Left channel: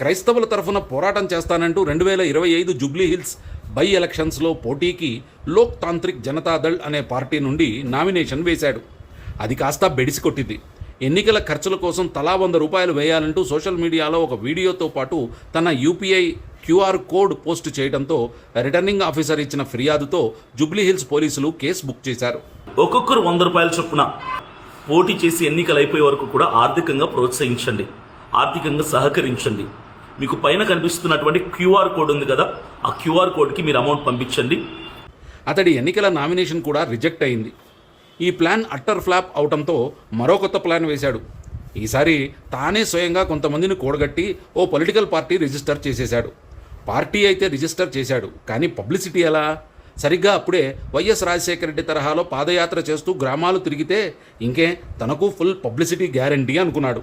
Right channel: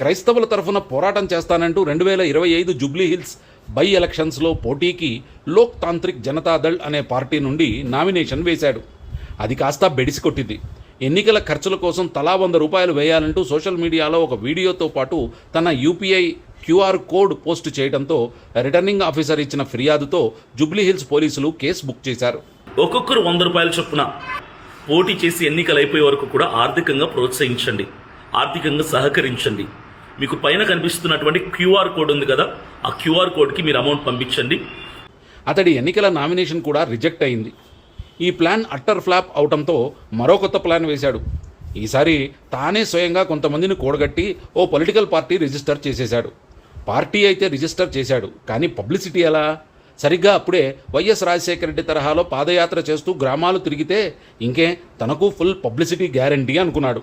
క్రైస్తవుల తరఫున పోరాటం చేస్తానంటూ 2025 జూబ్లీ హిల్స్ బై ఎలక్షన్స్లో పోటీకి లోక్ తాంత్రిక్ జనతాదళ్ అనే పార్టీ నుండి నామినేషన్ వేశాడు. అది కాస్త బెడిసి కొట్టింది. ఎన్నికల ఖర్చుల కోసం తలా 100 రూపాయలు వేయాలంటూ సోషల్ మీడియాలో ఒక వీడియోతో పాటు తన యూపీఐ క్యూఆర్ కోడ్ పోస్ట్ చేయడంతో రిటర్నింగ్ ఆఫీసర్ ఇచ్చిన ఫిర్యాదుతో జూబ్లీ హిల్స్ పోలీసులు కేసు బుక్ చేశారు. ఒక్కొక్కరు 100 రూపాయల చొప్పున పోటీ చేసి ఎన్నికలు అయిపోయే వరకు కూడా ఆర్థికంగా ప్రోత్సహించండి, ఆర్థికంగా సహకరించండి. మీకు పైన కనిపిస్తున్నటువంటి క్యూఆర్ కోడ్ ఉంది కదా, ఆ క్యూఆర్ కోడ్కి మీరు అమౌంట్ పంపించండి. అతడి ఎన్నికల నామినేషన్ కూడా రిజెక్ట్ అయింది. ఈ ప్లాన్ అట్టర్ ఫ్లాప్ అవడంతో మరో కొత్త ప్లాన్ వేశాడు. ఈసారి తానే స్వయంగా కొంతమందిని కూడగట్టి ఓ పొలిటికల్ పార్టీ రిజిస్టర్ చేసేశాడు. పార్టీ అయితే రిజిస్టర్ చేశాడు, కానీ పబ్లిసిటీ ఎలా? సరిగ్గా అప్పుడే వైఎస్ రాజశేఖర రెడ్డి తరహాలో పాదయాత్ర చేస్తూ గ్రామాలు తిరిగితే ఇంకే తనకు ఫుల్ పబ్లిసిటీ గ్యారంటీ అనుకున్నాడు.